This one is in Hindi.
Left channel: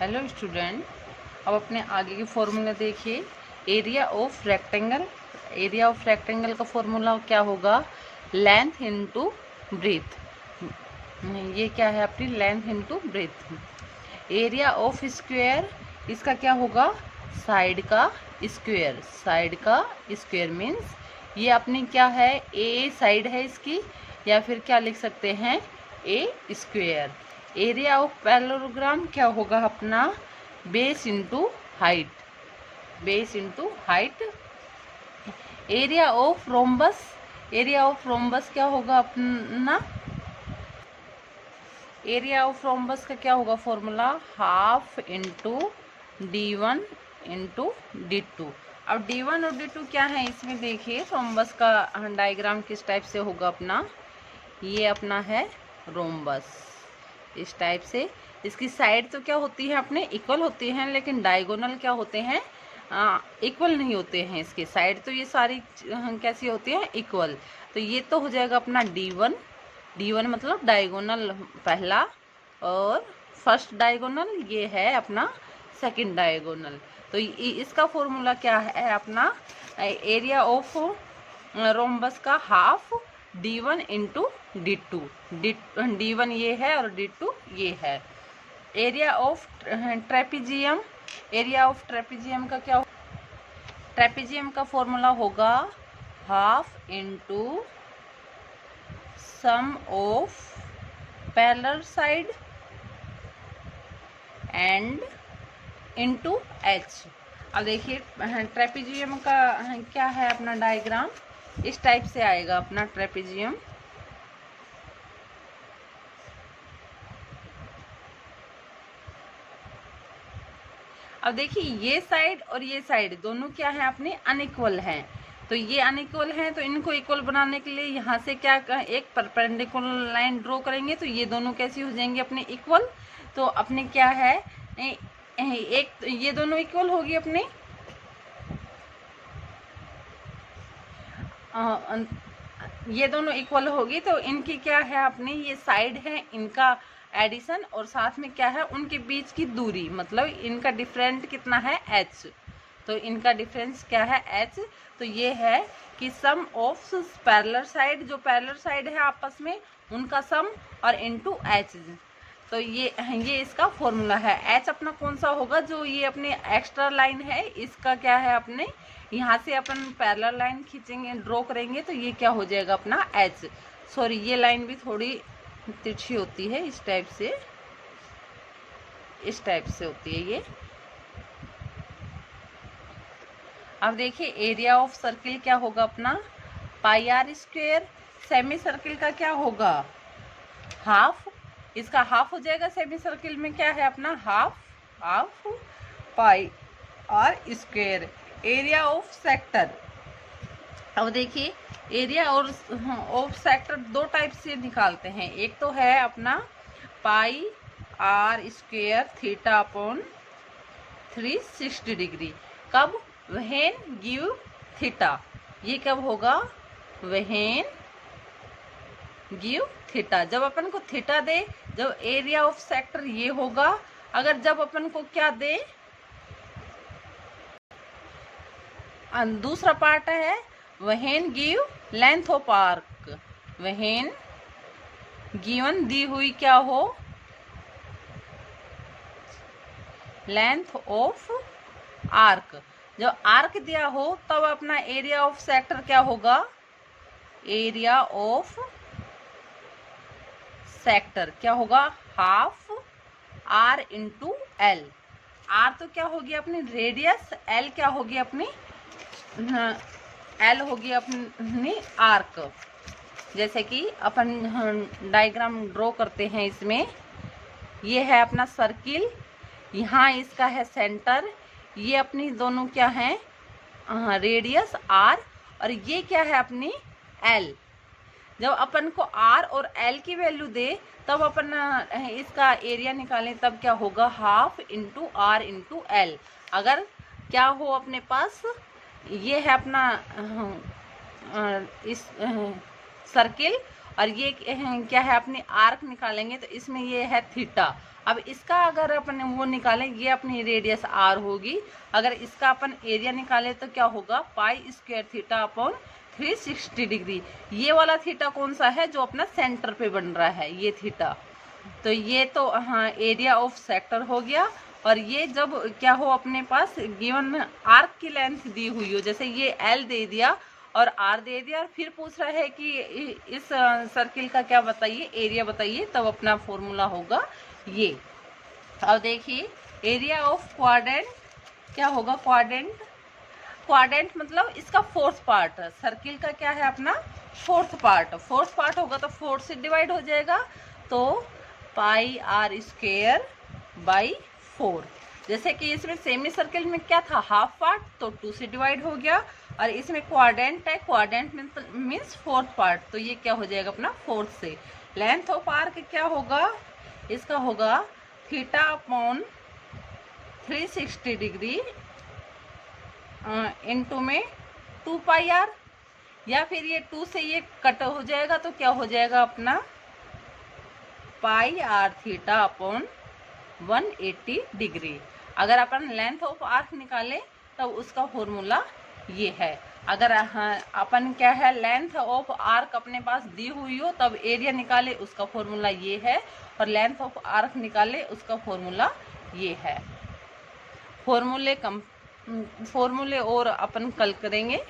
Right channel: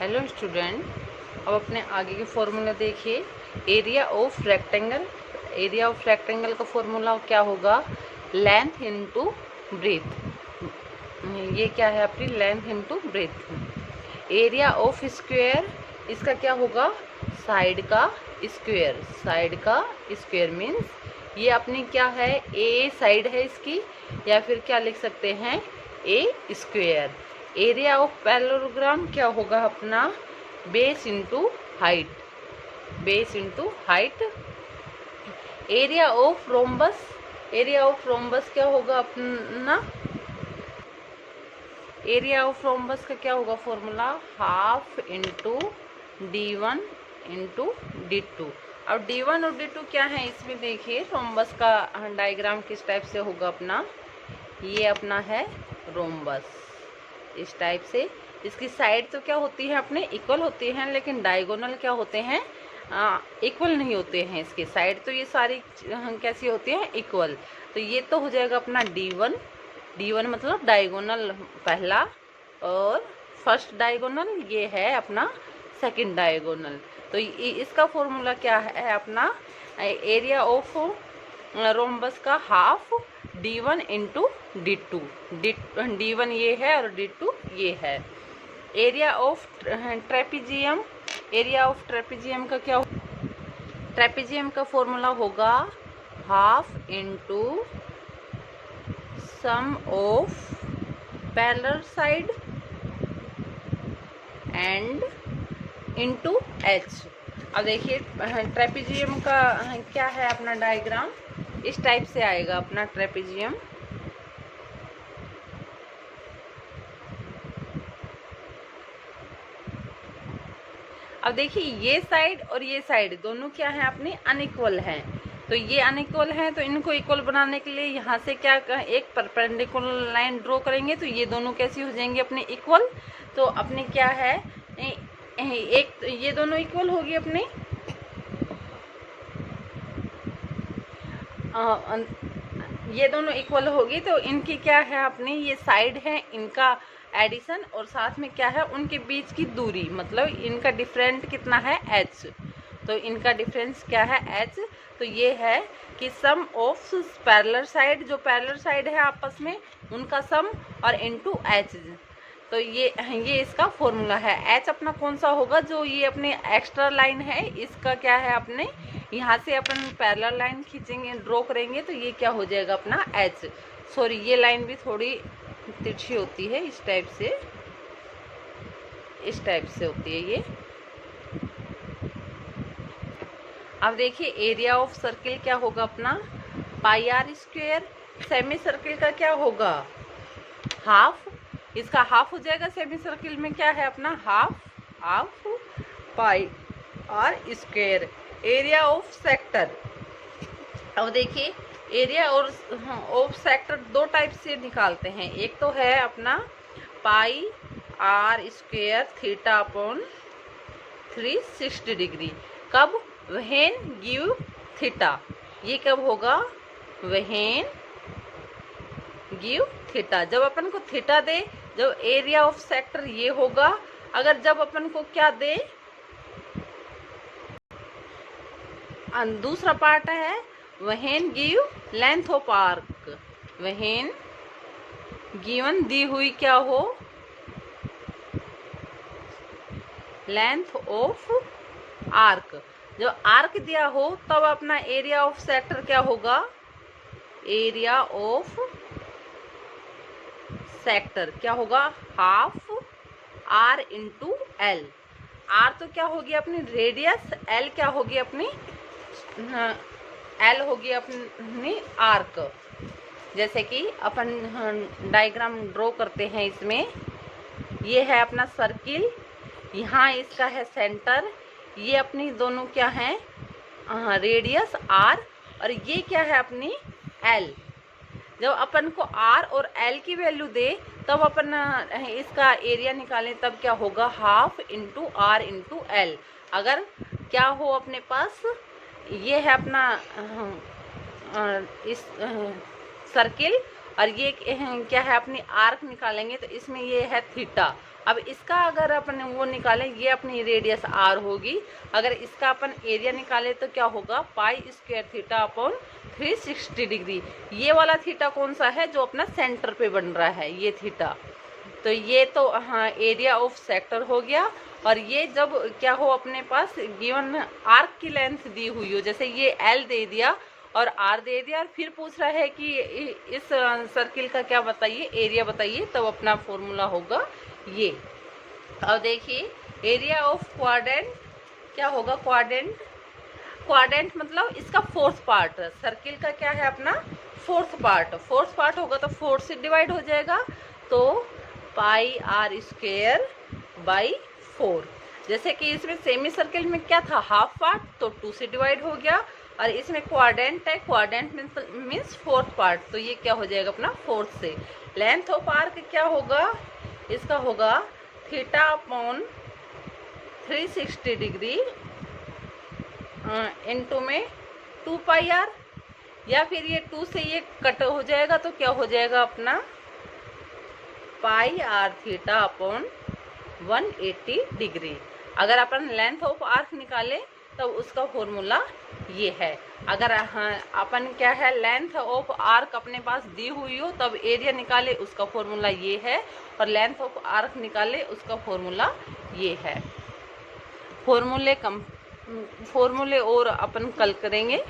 हेलो स्टूडेंट, अब अपने आगे की फॉर्मूला देखिए। Area of rectangle, area of rectangle का फॉर्मूला क्या होगा? Length into breadth. ये क्या है आपकी? Length into breadth. Area of square, इसका क्या होगा? साइड का स्क्वायर। साइड का स्क्वायर मीन्स ये अपनी क्या है? ए साइड है इसकी, या फिर क्या लिख सकते हैं? ए स्क्वायर। एरिया ऑफ पैरेललोग्राम क्या होगा अपना? Base into height. Base into height. Area of rhombus, area of rhombus क्या होगा अपना? एरिया ऑफ रोम्बस का क्या होगा formula? Half into D1 into D2। अब D1 और D2 क्या है इसमें देखिए। रोम्बस का डायग्राम किस टाइप से होगा अपना? ये अपना है रोम्बस, इस टाइप से। इसकी साइड तो क्या होती है अपने? इक्वल होती हैं, लेकिन डायगोनल क्या होते हैं? इक्वल नहीं होते हैं। इसकी साइड तो ये सारी कैसी होती है? इक्वल। तो ये तो हो जाएगा अपना D1। D1 मतलब डायगोनल पहला, और फर्स्ट डायगोनल ये है अपना सेकंड डायगोनल। तो इसका फॉर्मूला क्या है अपना? एरिया ऑफ रोम्बस का half D1 into D2। D1 ये है और D2 ये है। Area of trapezium, area of trapezium का क्या? ट्रेपीजियम का फॉर्मूला होगा half into sum of parallel side and into h. अब देखिए ट्रेपीजियम का क्या है अपना डायग्राम? इस टाइप से आएगा अपना ट्रेपीजियम। अब देखिए ये साइड और ये साइड दोनों क्या है अपने? अनइक्वल हैं। तो ये अनइक्वल हैं, तो इनको इक्वल बनाने के लिए यहाँ से क्या एक परपेंडिकुलर लाइन ड्रॉ करेंगे, तो ये दोनों कैसी हो जाएंगे अपने? इक्वल। तो अपने क्या है? एक ये दोनों इक्वल होगी अपने। ये दोनों इक्वल होगी, तो इनकी क्या है अपनी? ये साइड है इनका एडिशन, और साथ में क्या है? उनके बीच की दूरी, मतलब इनका डिफरेंट कितना है? h। तो इनका डिफरेंस क्या है? h। तो ये है कि सम ऑफ पैरेलल साइड, जो पैरेलल साइड है आपस में उनका सम, और इनटू h। तो ये इसका फॉर्मूला है। h अपना कौन सा होगा? जो ये अपने एक्स्ट्रा लाइन है इसका क्या है अपने? यहाँ से अपन पैरेलल लाइन खींचेंगे, ड्रॉ करेंगे, तो ये क्या हो जाएगा अपना? h। सॉरी, ये लाइन भी थोड़ी तिरछी होती है, इस टाइप से, इस टाइप से होती है ये। अब देखिए एरिया ऑफ सर्किल क्या होगा अपना? Pi r square. Semi circle का क्या होगा? हाफ। इसका हाफ हो जाएगा। सेमी सर्किल में क्या है अपना? Half, half pi r square. Area of sector, अब देखिए एरिया और ऑफ सेक्टर दो टाइप से निकालते हैं। एक तो है अपना pi r square theta upon 360 degree. कब? When give theta. ये कब होगा? व्हेन गिव थीटा, जब अपन को थीटा दे, जब एरिया ऑफ सेक्टर ये होगा। अगर जब अपन को क्या दे, दूसरा पार्ट है when give length of arc. When given दी हुई क्या हो? Length of arc. जब आर्क दिया हो तब अपना एरिया ऑफ सेक्टर क्या होगा? एरिया ऑफ सेक्टर क्या होगा? Half r into l. R तो क्या होगी अपनी? रेडियस। एल क्या होगी अपनी? एल होगी अपनी आर्क। जैसे कि अपन डायग्राम ड्रॉ करते हैं इसमें। ये है अपना सर्किल, यहाँ इसका है सेंटर, ये अपनी दोनों क्या है? रेडियस आर, और ये क्या है अपनी? एल। जब अपन को आर और एल की वैल्यू दे तब अपन इसका एरिया निकालें, तब क्या होगा? Half into r into l. अगर क्या हो अपने पास? ये है अपना इस सर्किल, और ये क्या है अपनी आर्क निकालेंगे, तो इसमें ये है थीटा, अब इसका अगर अपन वो निकालें, ये अपनी रेडियस r होगी, अगर इसका अपन एरिया निकालें तो क्या होगा, pi square theta upon 360 degree. ये वाला थीटा कौन सा है, जो अपना सेंटर पे बन रहा है, ये थीटा। तो ये तो हाँ एरिया ऑफ सेक्टर हो गया। और ये जब क्या हो अपने पास गिवन आर्क की लेंथ दी हुई हो, जैसे ये L दे दिया और R दे दिया, और फिर पूछ रहा है कि इस सर्किल का क्या बताइए, एरिया बताइए, तब अपना फॉर्मूला होगा ये। अब देखिए एरिया ऑफ क्वाड्रेंट क्या होगा, क्वाड्रेंट मतलब इसका फोर्थ पार्ट, सर्किल का क्या है अपना फोर्थ पार्ट होगा तो 4 से डिवाइड हो जाएगा, तो पाई r स्क्वायर बाई 4। जैसे कि इसमें सेमी सर्किल में क्या था, हाफ पार्ट, तो 2 से डिवाइड हो गया, और इसमें क्वाड्रेंट है, क्वाड्रेंट मीन्स फोर्थ पार्ट, तो ये क्या हो जाएगा अपना 4 से। लेंथ ऑफ आर्क क्या होगा, इसका होगा थीटा अपॉन 360 डिग्री इनटू में 2 पाई r, या फिर ये 2 से ये कट हो जाएगा तो क्या हो जाएगा अपना पाई r थीटा अपॉन 180 डिग्री। अगर अपन लेंथ ऑफ आर्क निकाले तब उसका फॉर्मूला ये है। अगर अपन क्या है लेंथ ऑफ आर्क अपने पास दी हुई हो तब एरिया निकाले, उसका फॉर्मूला ये है, और लेंथ ऑफ आर्क निकाले उसका फॉर्मूला ये है। फॉर्मूले और अपन कल करेंगे।